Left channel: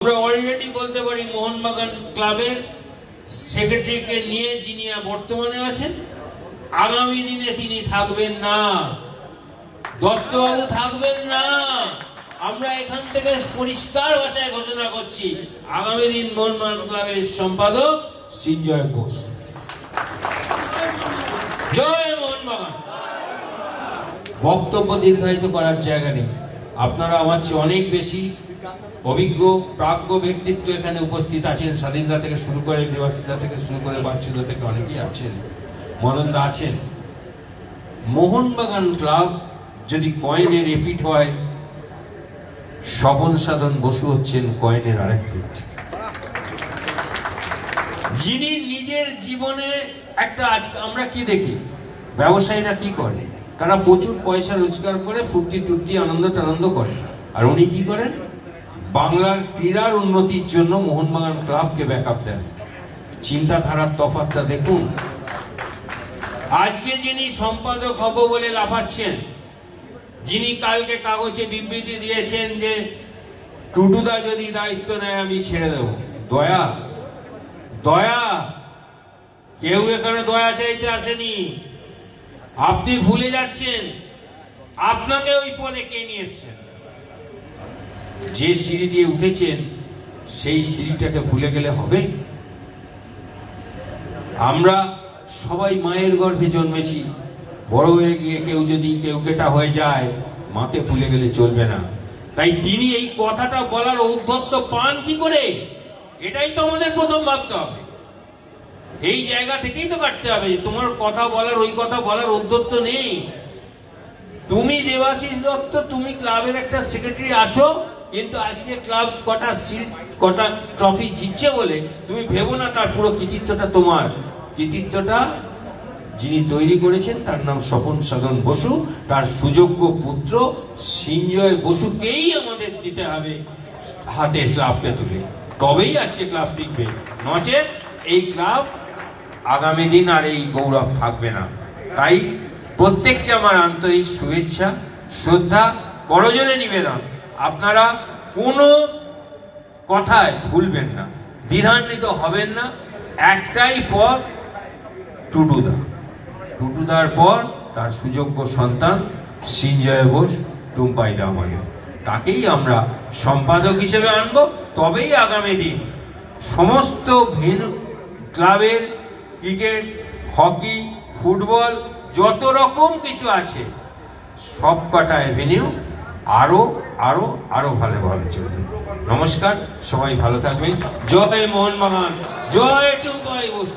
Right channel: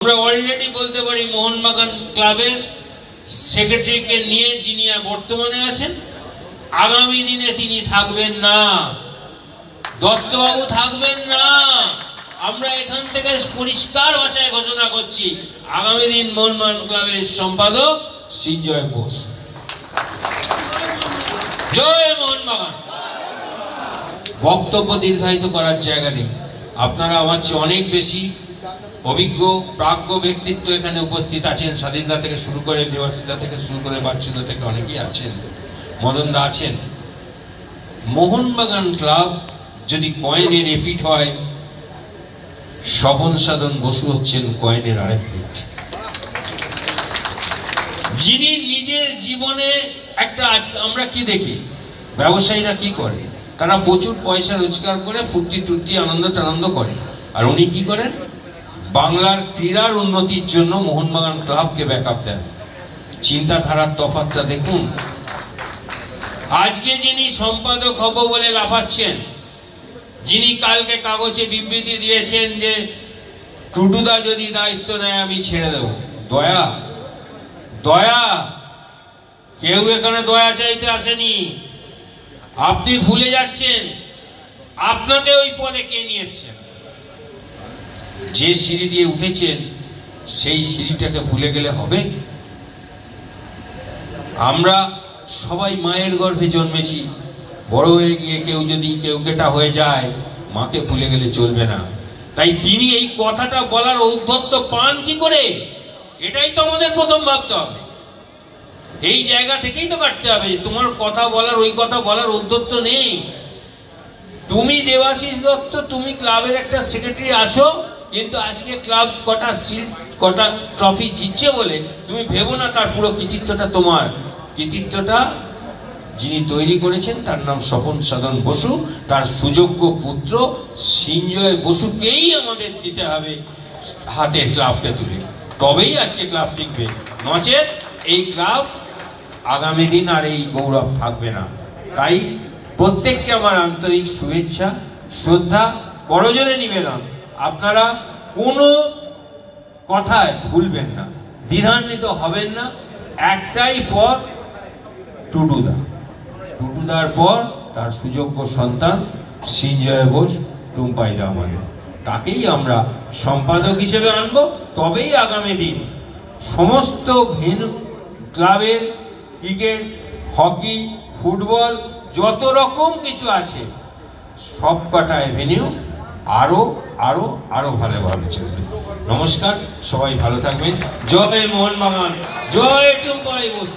আমরা অলরেডি বলতে পারি মোহনবাগান ক্লাবের সেক্রেটারিকে নিয়ে যিনি বর্তমানে আছেন, আগামী দিনে তিনি থাকবেন না, দত্তবাবু থাকবেন না। আমরা এখান থেকে পরিষ্কার ভাষায় ঘোষণা করছি, আগামী দিন মোহনবাগান ক্লাবের সম্পাদক সৃঞ্জয় বোস। জয় মোহনবাগান। বক্তব্য দীর্ঘায়িত করার জায়গা নেই। আপনারা আমার চেয়ে অনেক বেশি অভিজ্ঞ প্রাজ্ঞ ব্যক্তিত্ব এখানে উপস্থিত আছেন। স্বাধীনতা থেকে শুরু করে দেবাশিতা থেকে শুরু করে বাচ্চুদা থেকে অনেকেই আছেন, মদনদা আছেন। মোহনবাগান ক্লাব যদি কয়েনের রিপিট হয়, স্বপন সাধন বসু হচ্ছেন কয়েনের আরেক পিঠ, যিনি নিজের জীবনে একটা, আজকে আমরা কি দেখি ব্যবসায়ীরা কি করে, তারা প্রচুর পয়সা রোজগার করে ফুর্তি টুর্তি আনন্দ টানন্দ করে, আর উনি কি করেন, বাংলার ক্রীড়ার উন্নতির জন্য মোহনবাগান ক্লাবকে ব্যাকআপ দেন। চিন্তাধারার তফাৎটা দেখুন। আজকে যিনি সম্পাদক হব বলে লাফাচ্ছেন, যিনি কালকে কাগজে বিবৃতি দিয়েছেন যে টুটুদা যদি দায়িত্ব নেয় আমি ছেড়ে দেব, দয়া দয়া, কেউ এখানে দয়া চাইতে আসেনি। আপনি ভুলে যাচ্ছেন আপনাকে ওই পদে কে নিয়ে এসছেন। যে সিঁড়ি দিয়ে উঠেছেন সেই সিঁড়িটাকে ভুলে গেলে হবে? আমরা সবাই মায়ের গর্ভে জন্মেছি, বড় হয়ে গিয়ে কেউ যদি কেউ কেটা হয়ে যায়, মাকে ভুলে গেলে চলবে না। তাই তিনি এই কথাটা বলার ঔদ্ধত্য পান কি করে, এটাই তো আমাদের প্রথম ভাবতে হবে। এই জায়গা থেকেই তো কাটতে হবে যে তোমার কথা বলার, ওই কথা বলার ঔদ্ধত্য নেই। তুমি দেবাশিস দত্ত, তুমি ক্লাবের একটা সেক্রেটারি আছো, কিন্তু আজকে ক্লাব কটা ট্রফি জিতছে বলে তুমি ভেবো না তার পুরো কৃতিত্বটা তোমার। কৃতিত্বটা যিনি তৈরি করেছেন তার নাম স্বপন সাধন বসু, তার সুযোগ্য পুত্র সৃঞ্জয় বসুকেই আমাদের দিতে হবে হাতে ক্লাবকে তুলে, তবেই আজকে ক্লাব টিকবে। নচেত এই ক্লাব আগামী দিন আর এই গৌরব থাকবে না। তাই প্রত্যেককে আমার আন্তরিক শুভেচ্ছা, শ্রদ্ধা, করজোড়ে নিবেদন, আপনারা কোনো কথায় ভুলবেন না, দ্বিধান্বিত হবেন না। একটাই পথ, টুটুদা, টুটুদার পর তার সুযোগ্য সন্তান সৃঞ্জয় বোস, টুম্পাইদা আমাদের, তাকেই আমরা সম্পাদক হিসেবে আনব। তবেই আগামী দিন সমস্ত ক্লাবের ক্রিকেট, হকি, ফুটবল, যত রকম কিছু আছে সব কটা এভিনিউ আরো আরো আরো ভালোভাবে চলবে। নমস্কার, সবাই ভালো থাকবেন। জয় মোহনবাগান, জয় টুম্পাই বোস।